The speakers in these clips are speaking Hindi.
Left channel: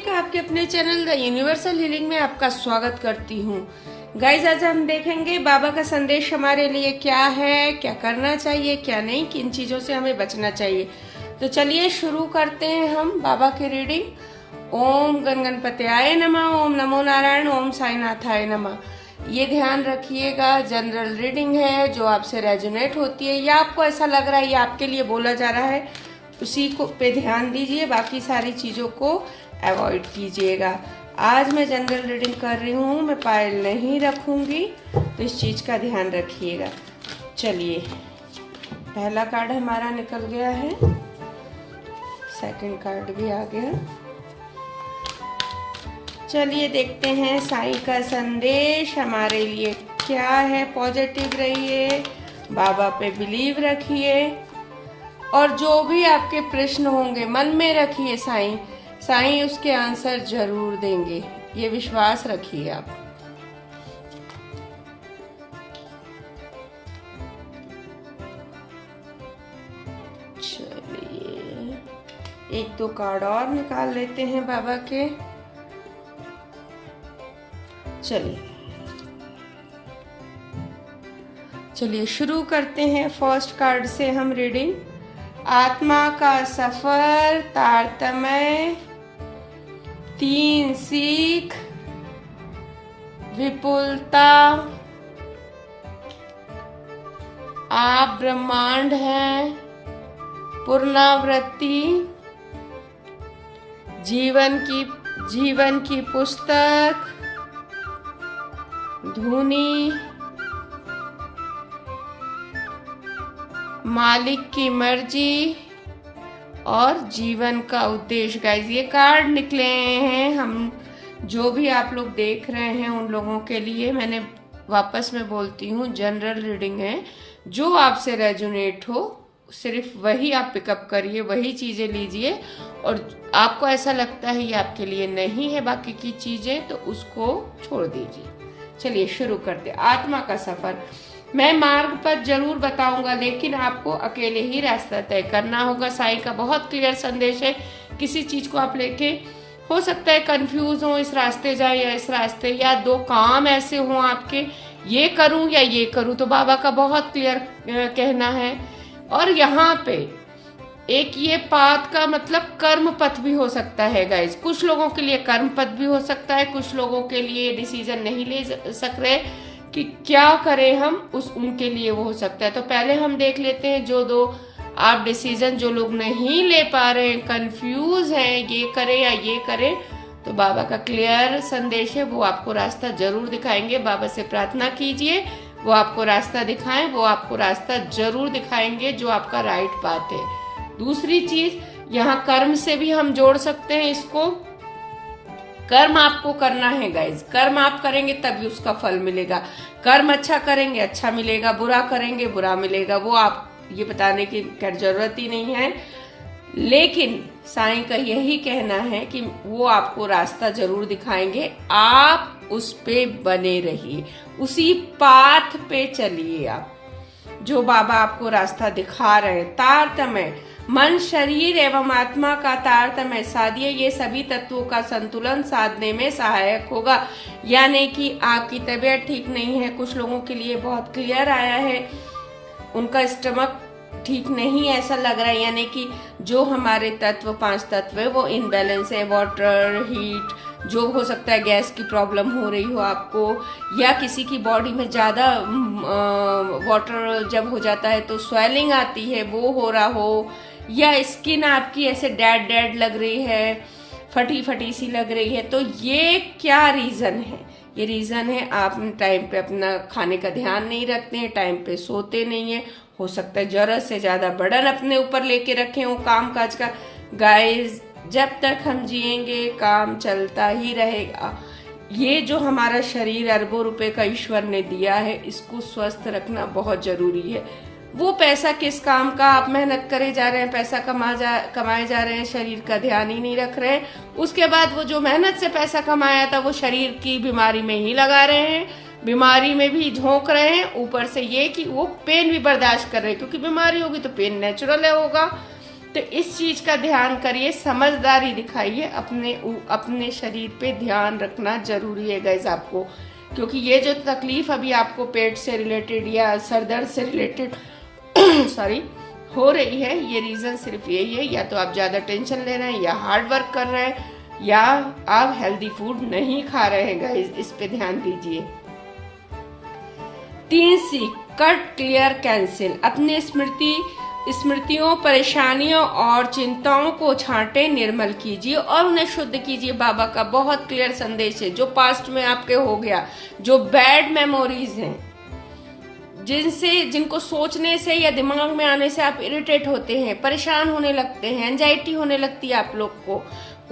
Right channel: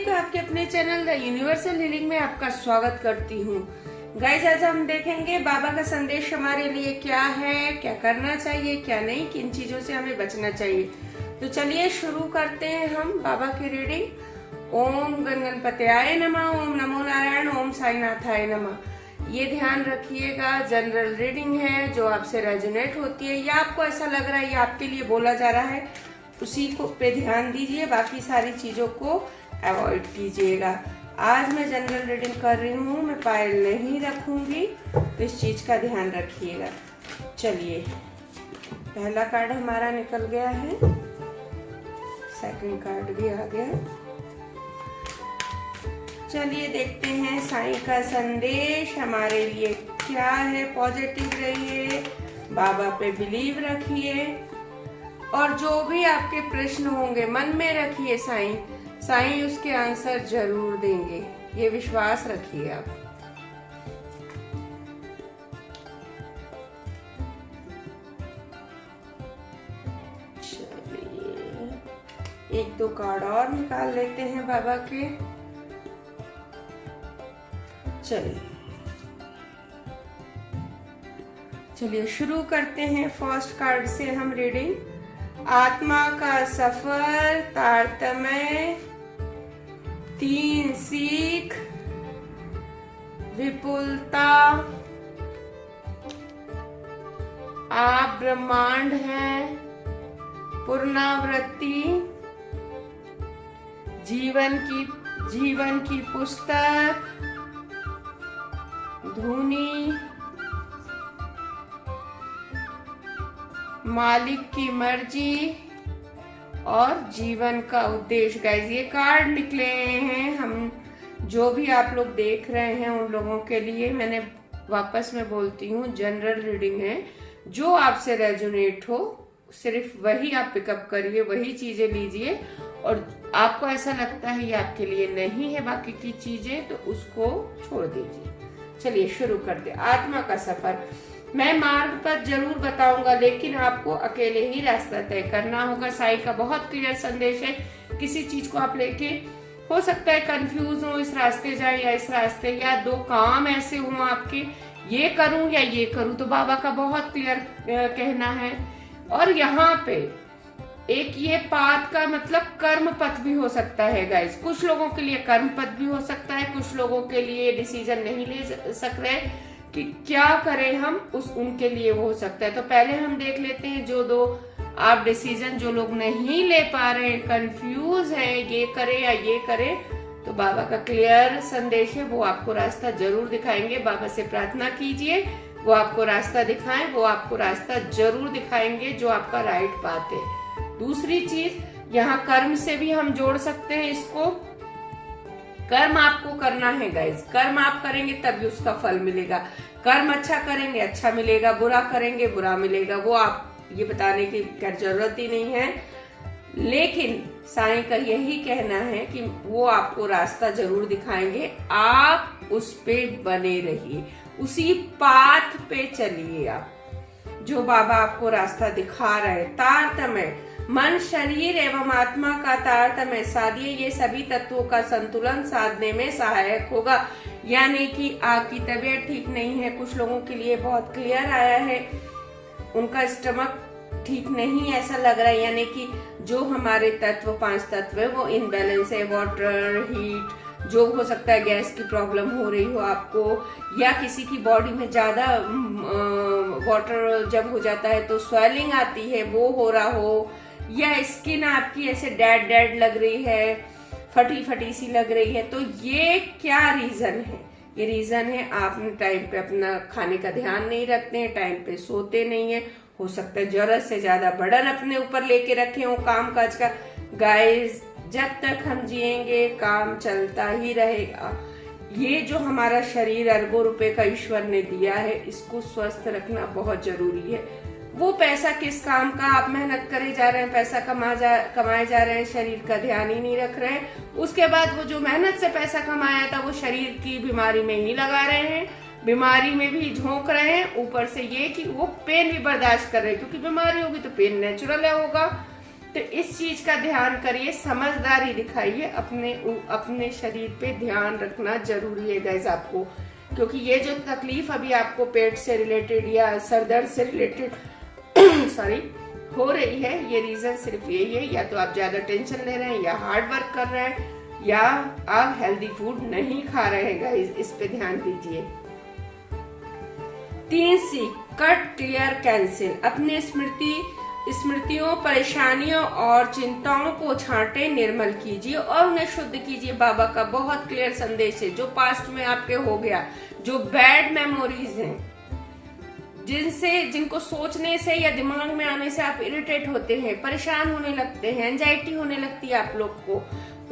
हार्दिक आपके अपने चैनल द यूनिवर्सल हीलिंग में आपका स्वागत करती हूँ। गाइज, आज हम देखेंगे बाबा का संदेश हमारे लिए क्या है, क्या करना चाहिए, क्या नहीं, किन चीजों से हमें बचना चाहिए। तो चलिए शुरू करते हैं हम बाबा की रीडिंग। ओम गण गणपत्याय नमः, ओम नमो नारायण, ओम साईनाथाय नमः। ये ध्यान रखिएगा, जनरल रीडिंग है जो आपसे रेजोनेट होती है या आपको ऐसा लग रहा है ये आपके लिए बोला जा रहा है, उसी को पे ध्यान दीजिए, बाकी सारी चीजों को अवॉइड कीजिएगा। आज मैं जनरल रीडिंग कर रही हूँ, मैं पायल नहीं रखूंगी, तो इस चीज का ध्यान रखिएगा। चलिए, पहला कार्ड हमारा निकल गया है, सेकंड कार्ड भी आ गया। चलिए देखते हैं साईं का संदेश हमारे लिए क्या है। पॉजिटिव रहिए, बाबा पे बिलीव रखिए और जो भी आपके प्रश्न होंगे मन में रखिए, साईं उसके आंसर जरूर देंगे, ये विश्वास रखिए आप। चलिए एक दो कार्ड और निकाल लेते हैं बाबा के। चलिए शुरू करते हैं फर्स्ट कार्ड से हम रीडिंग। आत्मा का सफर, तारतम्य, 3 सीख, विपुलता, आप ब्रह्मांड हैं, पुनरावृत्ति, जीवन की पुस्तक, धुनी, मालिक की मर्जी और जीवन का उद्देश्य। गाइस, ये कार्ड निकले हैं, हम जो भी आप लोग देख रहे हैं उन लोगों के लिए मैंने वापस में बोलती हूँ, जनरल रीडिंग है, जो आपसे रेजोनेट हो सिर्फ वही आप पिकअप करिए, वही चीजें लीजिए, और आपको ऐसा लगता है ये आपके लिए नहीं है बाकी की चीजें, तो उसको छोड़ दीजिए। चलिए शुरू करते। आत्मा का सफर, मैं मार्ग पर जरूर बताऊंगा, लेकिन आपको अकेले ही रास्ता तय करना होगा। साईं का बहुत क्लियर संदेश है। किसी चीज को आप लेके हो सकता है कंफ्यूज हो, इस रास्ते जाए या इस रास्ते, या दो काम ऐसे हो आपके, ये करूं या ये करूं, तो बाबा का बहुत क्लियर कहना है। और यहाँ पे एक ये पाथ का मतलब कर्म पथ भी हो सकता है गाइज, कुछ लोगों के लिए कर्म पथ भी हो सकता है, कुछ लोगों के लिए डिसीजन नहीं ले सक रहे कि क्या करें हम, उनके लिए वो हो सकता है। तो पहले हम देख लेते हैं जो दो आप डिसीजन जो लोग नहीं ले पा रहे हैं, कंफ्यूज हैं, ये करें या ये करें, तो बाबा का क्लियर संदेश है, वो आपको रास्ता जरूर दिखाएंगे। बाबा से प्रार्थना कीजिए वो आपको रास्ता दिखाएं, वो आपको रास्ता जरूर दिखाएंगे जो आपका राइट पाथ है। दूसरी चीज, यहाँ कर्म से भी हम जोड़ सकते हैं इसको। कर्म आपको करना है गाइज, कर्म आप करेंगे तभी उसका फल मिलेगा। कर्म अच्छा करेंगे अच्छा मिलेगा, बुरा करेंगे बुरा मिलेगा, वो आप ये बताने की जरूरत ही नहीं है। लेकिन साईं का यही कहना है कि वो आपको रास्ता जरूर दिखाएंगे, आप उस पे बने रहिए, उसी पाथ पे चलिए आप, जो बाबा आपको रास्ता दिखा रहे हैं। तारतम्य, मन, शरीर एवं आत्मा का तारतम्य साधिए, ये सभी तत्वों का संतुलन साधने में सहायक होगा। यानी कि आपकी तबीयत ठीक नहीं है, कुछ लोगों के लिए बहुत क्लियर आया है, उनका स्टमक ठीक नहीं ऐसा लग रहा है, यानी कि जो हमारे तत्व 5 तत्व है वो इनबैलेंस है। वाटर, हीट, जो हो सकता है गैस की प्रॉब्लम हो रही हो आपको, या किसी की बॉडी में ज्यादा वाटर जब हो जाता है तो स्वेलिंग आती है, वो हो रहा हो, या स्किन आपकी ऐसे डेड लग रही है, फटी सी लग रही है, तो ये क्या रीजन है? ये रीजन है आप टाइम पे अपना खाने का ध्यान नहीं रखते हैं, टाइम पे सोते नहीं है, हो सकता है जरूरत से ज्यादा बर्डन अपने ऊपर लेके रखे हो काम काज का। गाइस, जब तक हम जिएंगे काम चलता ही रहेगा। ये जो हमारा शरीर अरबों रुपए का ईश्वर ने दिया है, इसको स्वस्थ रखना बहुत जरूरी है। वो पैसा किस काम का, आप मेहनत करे जा रहे हैं, पैसा कमाए जा रहे हैं, शरीर का ध्यान ही नहीं रख रहे हैं। उसके बाद वो जो मेहनत से पैसा कमाया था वो शरीर की बीमारी में ही लगा रहे हैं, बीमारी में भी झोंक रहे हैं। ऊपर से ये कि वो पेन भी बर्दाश्त कर रहे हैं, क्योंकि बीमारी होगी तो पेन नेचुरल होगा। तो इस चीज का ध्यान करिए, समझदारी दिखाइए, अपने शरीर पे ध्यान रखना जरूरी है गाइस आपको, क्योंकि ये जो तकलीफ अभी आपको पेट से रिलेटेड या सर दर्द से रिलेटेड सॉरी हो रही है, ये रीजन सिर्फ यही है, या तो आप ज्यादा टेंशन ले रहे हैं, या हार्ड वर्क कर रहे हैं, या आप हेल्दी फूड नहीं खा रहे हैं गाइस, इस पे ध्यान दीजिए। 3C कट क्लियर कैंसिल, अपने स्मृतियों, परेशानियों और चिंताओं को छांटे, निर्मल कीजिए और उन्हें शुद्ध कीजिए। बाबा का बहुत क्लियर संदेश है, जो पास्ट में आपके हो गया, जो बैड मेमोरीज हैं, जिनको सोचने से या दिमाग में आने से आप इरिटेट होते हैं, परेशान होने लगते हैं, एंजाइटी होने लगती है आप लोग को,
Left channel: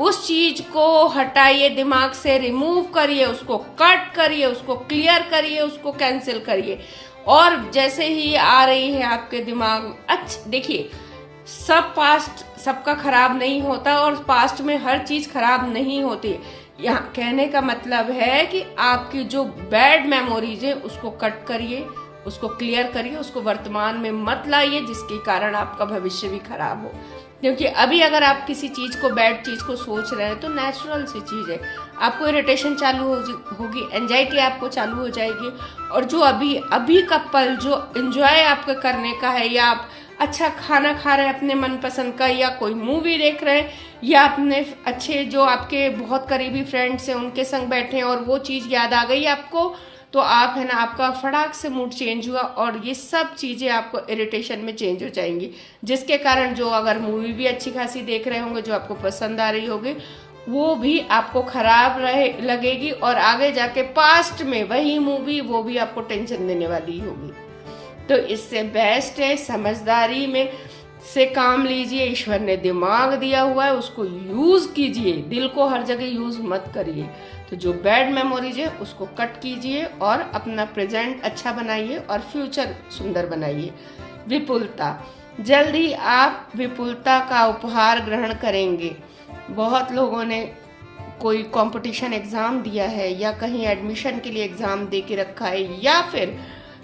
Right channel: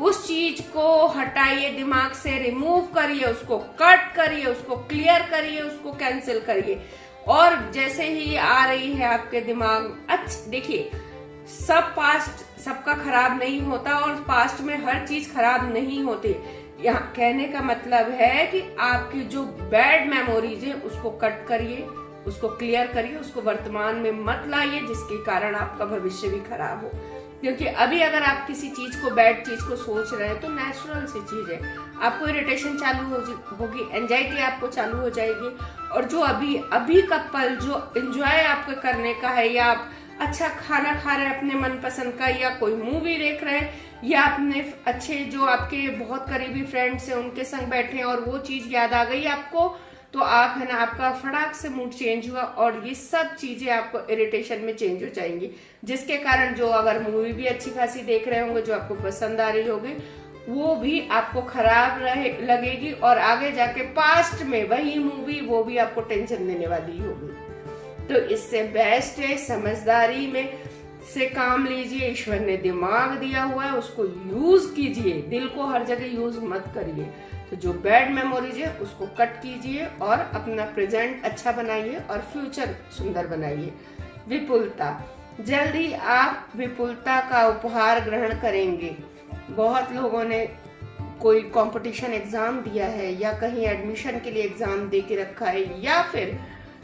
उस चीज को हटाइए, दिमाग से रिमूव करिए, उसको कट करिए, उसको क्लियर करिए, उसको कैंसिल करिए। और जैसे ही आ रही है आपके दिमाग, अच्छा देखिए, सब पास्ट सबका खराब नहीं होता और पास्ट में हर चीज खराब नहीं होती। यहाँ कहने का मतलब है कि आपकी जो बैड मेमोरीज है उसको कट करिए, उसको क्लियर करिए, उसको वर्तमान में मत लाइए, जिसके कारण आपका भविष्य भी खराब हो। क्योंकि अभी अगर आप किसी चीज को, बैड चीज को सोच रहे हैं तो नेचुरल सी चीज है, आपको इरिटेशन चालू होगी, एंजाइटी आपको चालू हो जाएगी, और जो अभी का पल जो एंजॉय आपको करने का है, या आप अच्छा खाना खा रहे हैं अपने मनपसंद का, या कोई मूवी देख रहे हैं, या अपने अच्छे जो आपके बहुत करीबी फ्रेंड्स हैं उनके संग बैठे हैं और वो चीज याद आ गई आपको, तो आप है ना, आपका फटाक से मूड चेंज हुआ और ये सब चीजें आपको इरिटेशन में चेंज हो जाएंगी, जिसके कारण जो अगर मूवी भी अच्छी खासी देख रहे होंगे, जो आपको पसंद आ रही होगी, वो भी आपको खराब लगेगी, और आगे जाके पास्ट में वही मूवी, वो भी आपको टेंशन देने वाली होगी। तो इससे बेस्ट है समझदारी में से काम लीजिए, ईश्वर ने दिमाग दिया हुआ है, उसको यूज कीजिए, दिल को हर जगह यूज मत करिए। तो जो बैड मेमोरीज है उसको कट कीजिए और अपना प्रेजेंट अच्छा बनाइए और फ्यूचर सुंदर बनाइए। विपुलता, जल्दी आप विपुलता का उपहार ग्रहण करेंगे। बहुत लोगों ने कोई कंपटीशन एग्जाम दिया है, या कहीं एडमिशन के लिए एग्जाम दे के रखा है, या फिर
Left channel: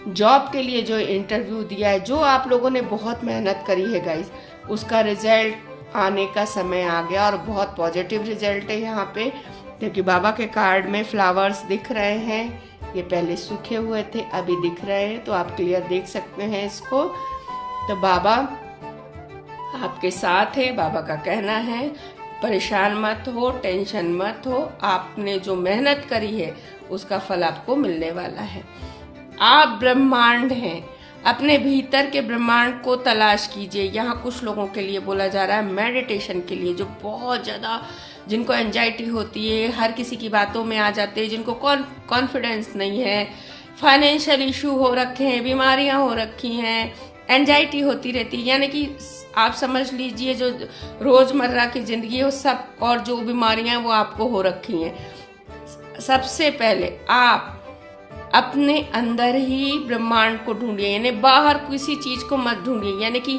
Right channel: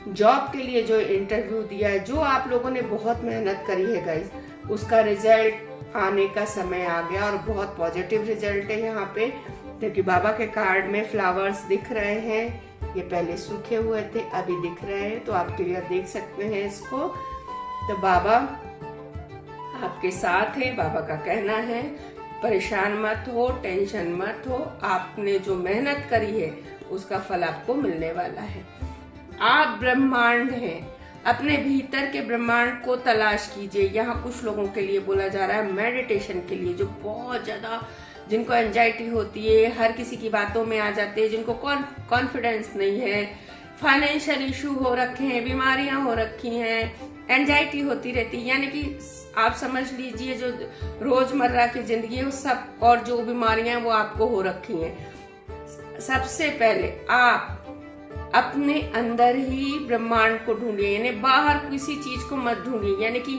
जॉब के लिए जो इंटरव्यू दिया है, जो आप लोगों ने बहुत मेहनत करी है गाइस, उसका रिजल्ट आने का समय आ गया, और बहुत पॉजिटिव रिजल्ट है यहाँ पे, क्योंकि बाबा के कार्ड में फ्लावर्स दिख रहे हैं, ये पहले सूखे हुए थे अभी दिख रहे हैं, तो आप क्लियर देख सकते हैं इसको। तो बाबा आपके साथ है, बाबा का कहना है परेशान मत हो, टेंशन मत हो, आपने जो मेहनत करी है उसका फल आपको मिलने वाला है। आप ब्रह्मांड हैं, अपने भीतर के ब्रह्मांड को तलाश कीजिए। यहाँ कुछ लोगों के लिए बोला जा रहा है मेडिटेशन के लिए, जो बहुत ज़्यादा, जिनको एंजाइटी होती है, हर किसी की बातों में आ जाते हैं, जिनको कॉन्फिडेंस नहीं है, फाइनेंशियल इशू हो रखे हैं, बीमारियां हो रखी हैं, एंजाइटी होती रहती है, यानी कि आप समझ लीजिए जो रोजमर्रा की जिंदगी है वो सब, और जो बीमारियां वो आपको हो रखी हैं। सबसे पहले आप अपने अंदर ही ब्रह्मांड को ढूंढिए, यानी बाहर किसी चीज को मत ढूंढिए, यानी कि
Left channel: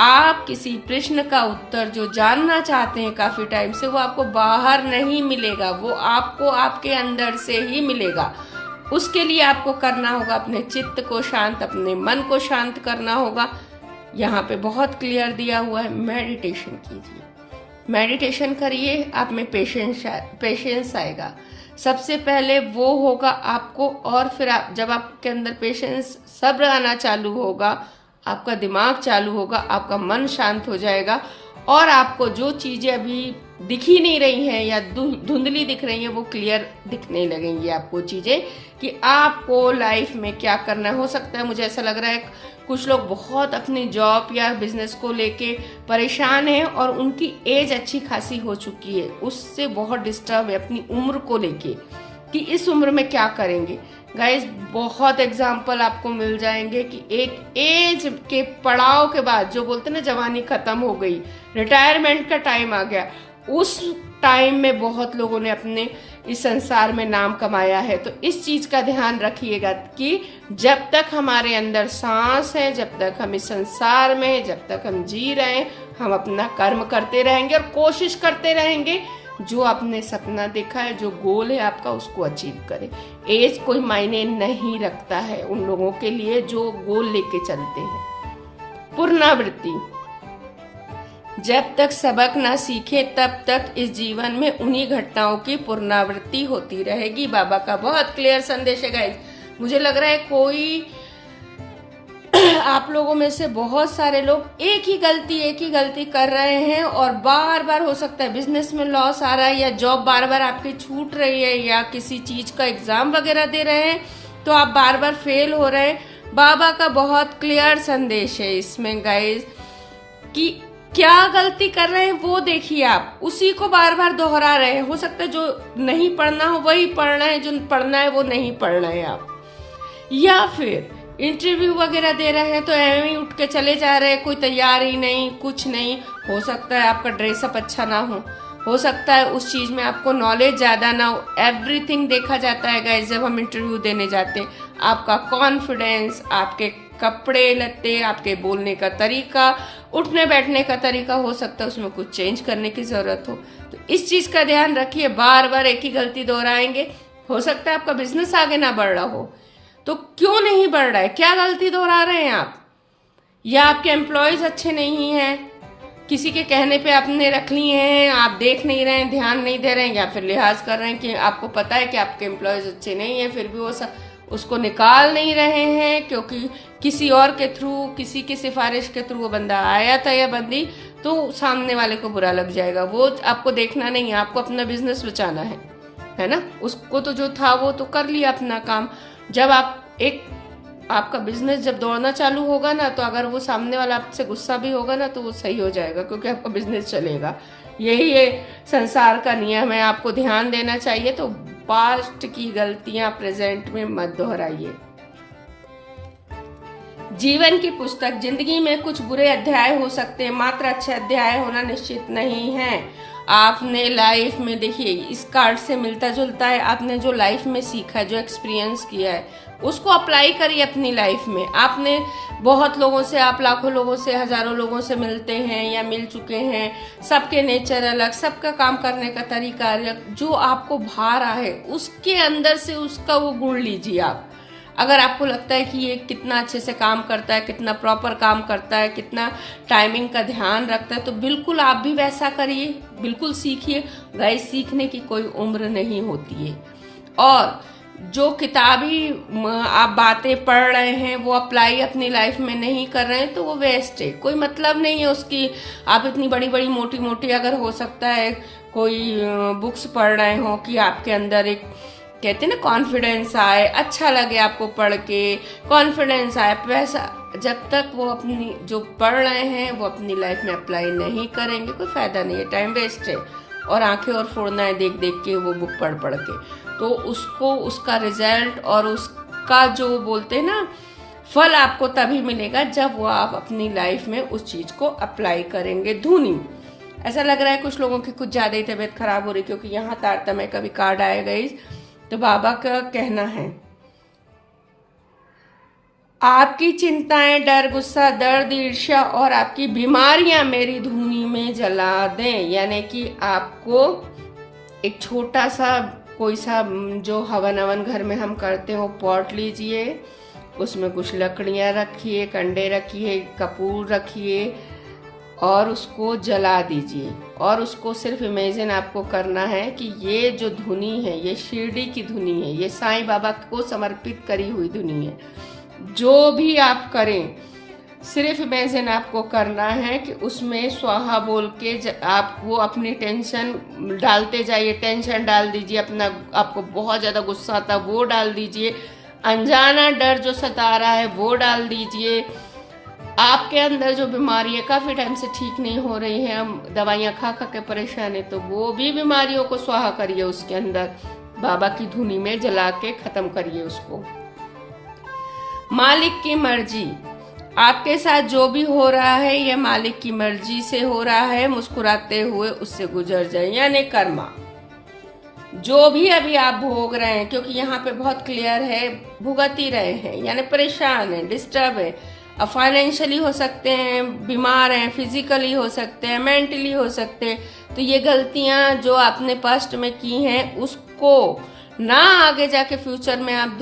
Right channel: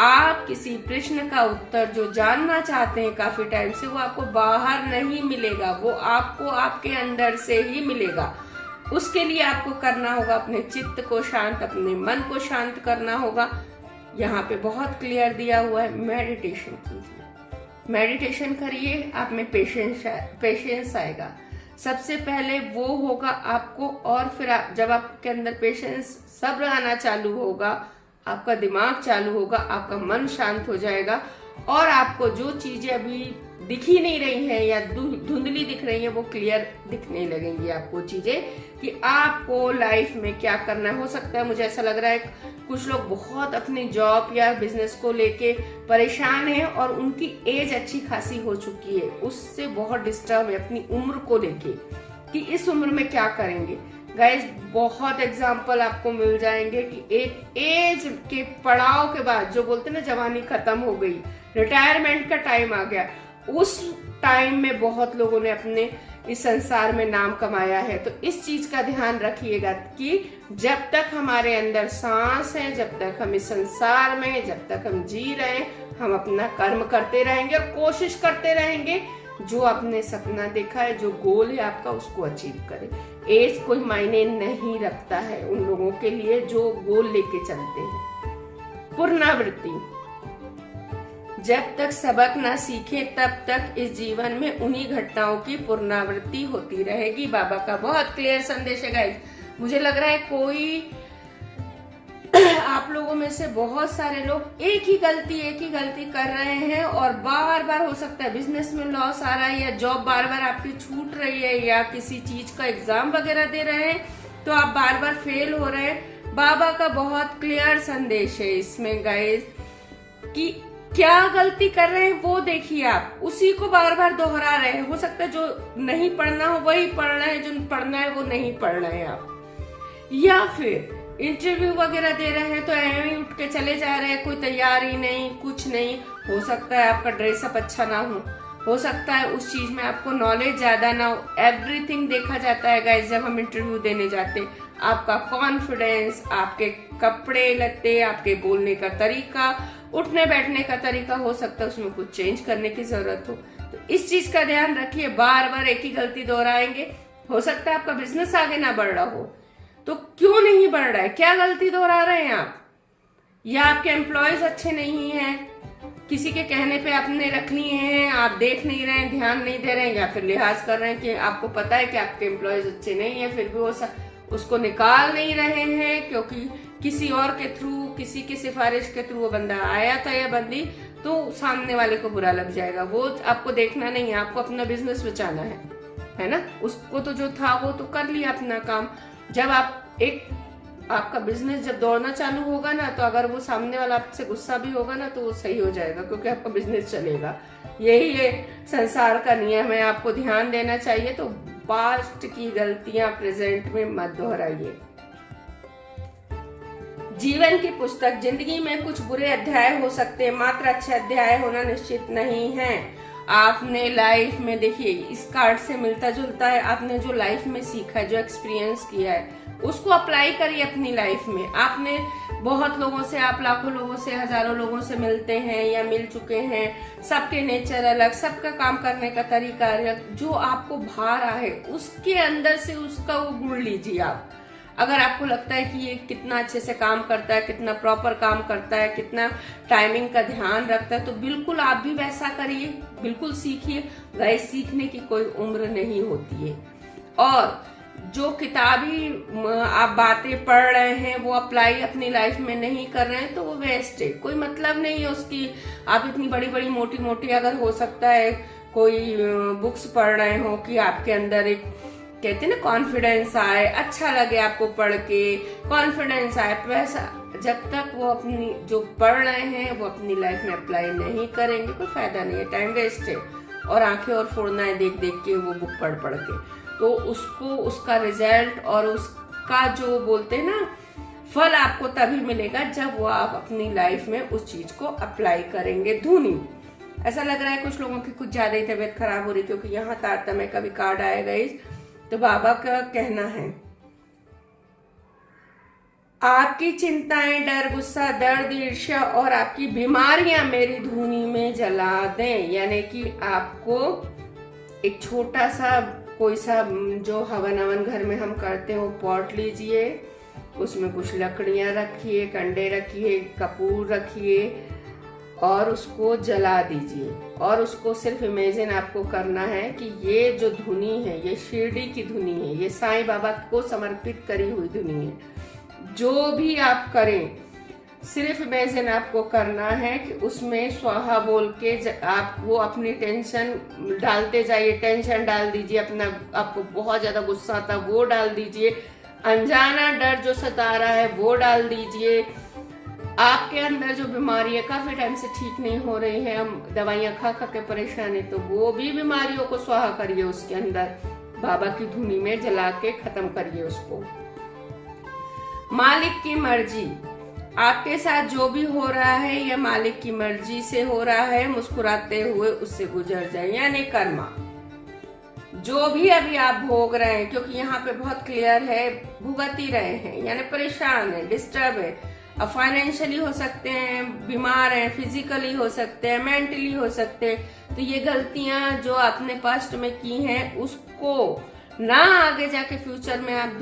आप किसी प्रश्न का उत्तर जो जानना चाहते हैं काफी टाइम से, वो आपको बाहर नहीं मिलेगा, वो आपको आपके अंदर से ही मिलेगा। उसके लिए आपको करना होगा अपने चित्त को शांत, अपने मन को शांत करना होगा। यहाँ पे बहुत क्लियर दिया हुआ है, मेडिटेशन कीजिए, मेडिटेशन करिए, आप में पेशेंस आएगा। सबसे पहले वो होगा आपको, और फिर जब आपके अंदर पेशेंस, सब्र आना चालू होगा, आपका दिमाग चालू होगा, आपका मन शांत हो जाएगा, और आपको जो चीजें अभी दिख ही नहीं रही हैं या धुंधली दिख रही हैं, वो क्लियर दिखने लगेंगी आपको चीजें, कि आपको लाइफ में क्या करना हो सकता है। मुझे ऐसा लग रहा है कुछ लोग बहुत अपनी जॉब या बिजनेस को लेके परेशान हैं, और उनकी एज अच्छी खासी हो चुकी है, उससे बहुत डिस्टर्ब है अपनी उम्र को लेके, कि इस उम्र में क्या करेंगे। गाइस बहुत एग्जाम्पल आपको मिल जाएंगे कि एक एज के पड़ाव के बाद, जो बोलते ना जवानी खत्म हो गई, रिटायरमेंट का टाइम आ गया, उस टाइम में बहुत लोगों ने अपने इस संसार में नाम कमाया है। तो इस चीज का ध्यान रखिएगा कि जब तक हमारे अंदर सांस है, जब तक हम इस संसार में, जब तक हम जी रहे हैं, हम अपना कर्म करते रहेंगे और कोशिश करते रहेंगे, जो आपने सपना देखा है, जो गोल है आपका, उसको अचीव करें। एज कोई मायने नहीं रखता है उन लोगों के लिए जो गोल लेके चलते हैं। पुनरावृत्ति, जब तक सबक ना सीखे तब तक इस जीवन में उन्हीं घटनाओं की पुनरावृत्ति होती रहेगी। बाबा का बहुत क्लियर संदेश है गाइस। मुझे लग रहा है कोई आप लोगों में से बहुत सारे लोग एक ही गलती कर रहे हैं और बार बार, हो सकता है बिजनेस में लॉस आ रहा है या जॉब बार बार आपकी छूट रही है या किसी चीज का एग्जाम वगैरह दे रहे हैं तो आप बार बार फेल हो रहे हैं। बाबा का बहुत क्लियर संदेश है इसमें गाइस कि क्या गलती कर रहे हैं वो देखिए, आप उसी को बार बार दोहरा रहे हैं। हो सकता है जो नहीं पढ़ना हो वही पढ़ना है, जो पढ़ना है वो नहीं पढ़ना है आप, या फिर इंटरव्यू वगैरह दे रहे हैं तो ऐਵੇਂ ही उठ के चले जा रहे हैं, कोई तैयार ही नहीं, कुछ नहीं। हो सकता है आपका ड्रेसअप अच्छा ना हो सकता है उस चीज में आपको नॉलेज ज्यादा ना हो। एवरीथिंग देखा जाता है गाइस जब हम इंटरव्यू देने जाते हैं। आपका कॉन्फिडेंस, आपके कपड़े लत्ते, आपके बोलने का तरीका, उठने बैठने का तरीका, हो सकता है उसमें कुछ चेंज करने की जरूरत हो। तो इस चीज का ध्यान रखिए, बार बार एक ही गलती दोहराएंगे। हो सकता है आपका बिजनेस आगे ना बढ़ रहा हो, तो क्यों नहीं बढ़ रहा है, क्या गलती दोहरा रहे हैं आप, या आपके एम्प्लॉयज अच्छे नहीं हैं, किसी के कहने पे आपने रख लिए हैं, आप देख नहीं रहे हैं, ध्यान नहीं दे रहे हैं, या फिर लिहाज कर रहे हैं कि आपको पता है कि आपके एम्प्लॉयज अच्छे नहीं हैं, फिर भी वो उसको निकाल नहीं रहे हैं क्योंकि किसी और के थ्रू, किसी की सिफारिश के थ्रू वो बंदा आया था या बंदी, तो सामने वाले को बुरा लग जाएगा। वो आपको देखना नहीं है, आपको अपना बिजनेस बचाना है ना। उसको तो जो था वो तो कर लिया अपना काम। जब आपका बिजनेस जब दौड़ना चालू होगा ना, तो अगर वो सामने वाला आपसे गुस्सा भी होगा ना तो वो सही हो जाएगा क्योंकि आपका बिजनेस चलेगा। यही ये संसार का नियम है, आपको ध्यान देना चाहिए। तो पास्ट की गलतियां प्रेजेंट में मत दोहराइए। जीवन की पुस्तक, जिंदगी में कुछ बुरे अध्याय हो सकते हैं, मात्र अच्छे अध्याय होना निश्चित नहीं है। आपने लाइफ में, देखिए इस कार्ड से मिलता जुलता है, आपने जो लाइफ में सीखा है, जो एक्सपीरियंस किया है, उसको अप्लाई करिए अपनी लाइफ में। आपने बहुत लोगों से, आप लाखों लोगों से, हजारों लोगों से मिलते हैं या मिल चुके हैं। सबके नेचर अलग, सबका काम करने का तरीका अलग। जो आपको भा रहा है उसके अंदर से उसका वो गुण लीजिए आप। अगर आपको लगता है कि ये कितना अच्छे से काम करता है, कितना प्रॉपर काम करता है, कितना टाइमिंग का ध्यान रखता है, तो बिल्कुल आप भी वैसा करिए, बिल्कुल सीखिए। गाइस, सीखने की कोई उम्र नहीं होती है। और जो किताबी आप बातें पढ़ रहे हैं वो अप्लाई अपनी लाइफ में नहीं कर रहे हैं तो वो वेस्ट है, कोई मतलब नहीं है उसकी। आप इतनी बड़ी बड़ी मोटी मोटी, अगर हो सकता है कोई बुक्स पढ़ रहे हो कि आपके अंदर एक, कहते हैं ना, कॉन्फिडेंस आए, अच्छा लगे आपको पढ़ के, कॉन्फिडेंस आए, वैसा जब तक वो अपनी जो पढ़ रहे हैं वो अपनी लाइफ में अप्लाई नहीं करेंगे कोई फायदा नहीं है, टाइम वेस्ट है। और आंखें और फोड़ना है देख देख के वो बुक पढ़ के, तो उसको, उसका रिजल्ट और उसका जो बोलते हैं ना फल आपको तभी मिलेगा जब वो आप अपनी लाइफ में उस चीज को अप्लाई करेंगे। धुनी, ऐसा लग रहा है कुछ लोगों की कुछ ज्यादा ही तबीयत खराब हो रही क्योंकि यहाँ तारतम्य का भी कार्ड आएगा। तो बाबा का कहना है, आपकी चिंताएं, डर, गुस्सा, दर्द, ईर्ष्या और आपकी बीमारियां मेरी धुनी में जला दें। यानी कि आपको एक छोटा सा कोई सा जो हवन घर में हम करते हो पॉट लीजिए, उसमें कुछ लकड़ियां रखिए, कंडे रखिए, कपूर रखिए और उसको जला दीजिए। और उसको सिर्फ इमेजिन आपको करना है कि ये जो धुनी है ये शिरडी की धुनी है, ये साईं बाबा को समर्पित करी हुई धुनी है। जो भी आप करें सिर्फ इमेजिन आपको करना है कि उसमें स्वाहा बोल के आप वो अपनी टेंशन डालते जाइए, टेंशन डाल दीजिए, अपना आपको बहुत ज्यादा गुस्सा आता वो डाल दीजिए, अनजाना डर जो सता रहा है वो डाल दीजिए, आपके अंदर जो बीमारी है काफी टाइम से ठीक नहीं हो रही है, हम दवाइयां खा खा के परेशान है, तो वो भी बीमारियों को स्वाहा करिए, उसके अंदर बाबा की धुनी में जला के खत्म करिए उसको। मालिक की मर्जी, आपके साथ जो भी हो रहा है ये मालिक की मर्जी से हो रहा है, मुस्कुराते हुए उससे गुजर जाए। यानी कर्मा, जो भी अभी आप भोग रहे हैं, क्योंकि यहाँ पे बहुत क्लियर है, भुगत ही रहे हैं, यानी परेशान है, डिस्टर्ब है, अब फाइनेंशियली हो सकते हैं, बीमार हैं, फिजिकली हो सकते हैं, मेंटली हो सकते हैं। तो ये गलतियां जो आपने पास्ट में की हैं उसको ना आगे जाके फ्यूचर में आप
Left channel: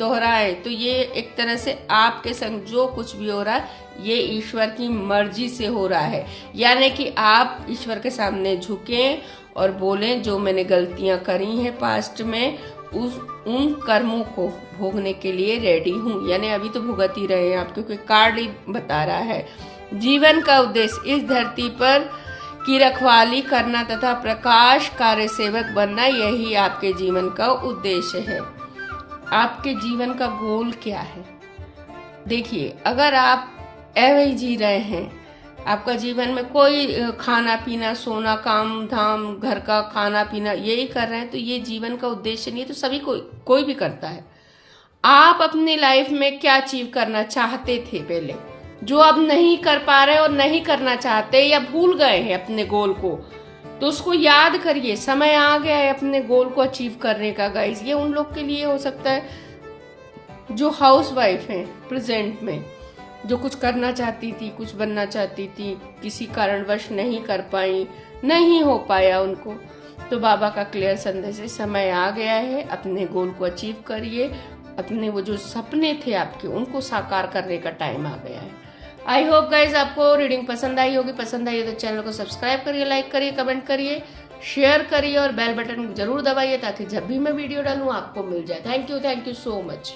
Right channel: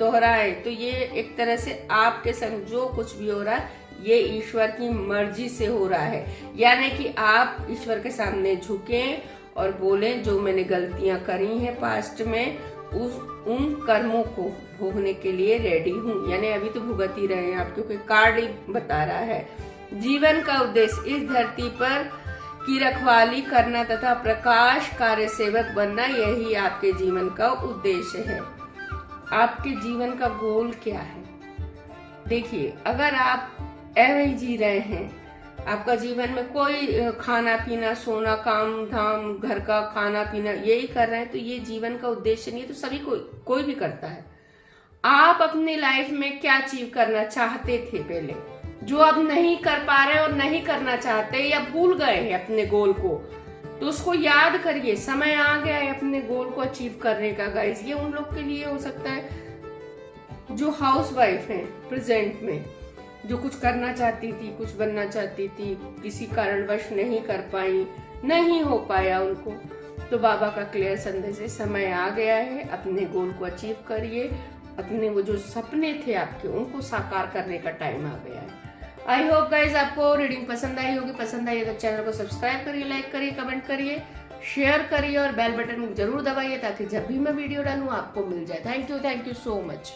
दोहराए, तो ये एक तरह से आपके संग जो कुछ भी हो रहा है ये ईश्वर की मर्जी से हो रहा है। यानी कि आप ईश्वर के सामने झुकें और बोलें जो मैंने गलतियां करी हैं पास्ट में, उन कर्मों को भोगने के लिए रेडी हूँ। यानी अभी तो भुगत ही रहे हैं आप, क्योंकि कार्ड ही बता रहा है जीवन का उद्देश्य इस धरती पर की रखवाली करना तथा प्रकाश कार्य सेवक बनना, यही आपके जीवन का उद्देश्य है। आपके जीवन का गोल क्या है? देखिए, अगर आप ऐसे ही जी रहे हैं, आपका जीवन में कोई खाना पीना सोना काम धाम घर का खाना पीना यही कर रहे हैं, तो ये जीवन का उद्देश्य नहीं है। तो सभी कोई भी करता है। आप अपनी लाइफ में क्या अचीव करना चाहते थे पहले, जो अब नहीं कर पा रहे और नहीं करना चाहते या भूल गए हैं अपने गोल को, तो उसको याद करिए। समय आ गया है अपने गोल को अचीव करने का गाइस। ये उन लोग के लिए हो सकता है जो हाउसवाइफ हैं प्रेजेंट में, जो कुछ करना चाहती थी, कुछ बनना चाहती थी, किसी कारणवश नहीं कर पाई, नहीं हो पाया उनको। तो बाबा का क्लियर संदेश है, समय आ गया है, अपने गोल को अचीव करिए। अपने वो जो सपने थे आपके, उनको साकार करने का टाइम आ गया है। आई होप गाइज आपको रीडिंग पसंद आई होगी। पसंद आई है तो चैनल को सब्सक्राइब करिए, लाइक करिए, कमेंट करिए, शेयर करिए और बेल बटन जरूर दबाइए, ताकि जब भी मैं वीडियो डालूं आपको मिल जाए। Thank you so much.